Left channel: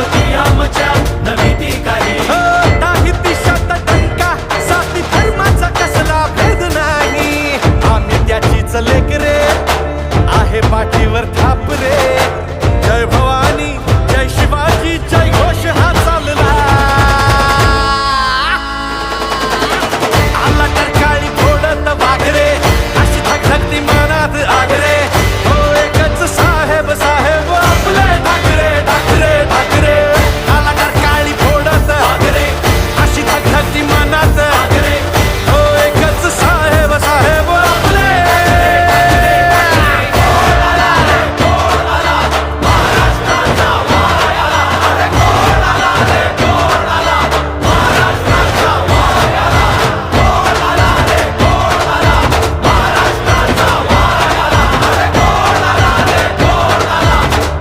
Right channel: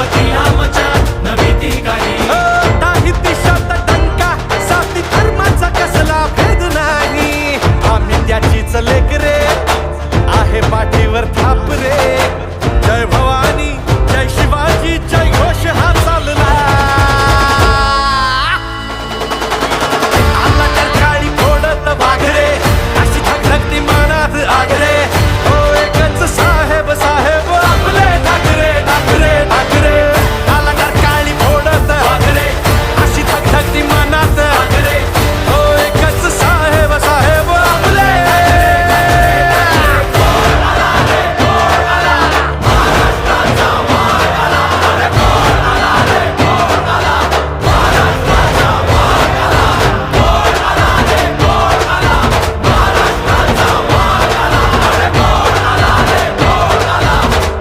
छत्रपती आमच्या नवी ती काही काही दिशात डंका जाती धर्माचा कसला भेद नाही आम्ही त्याचीच लेकरे आहे पाठीवर थाप रे जय भवानी जय शिवाजी जय घोष हाचा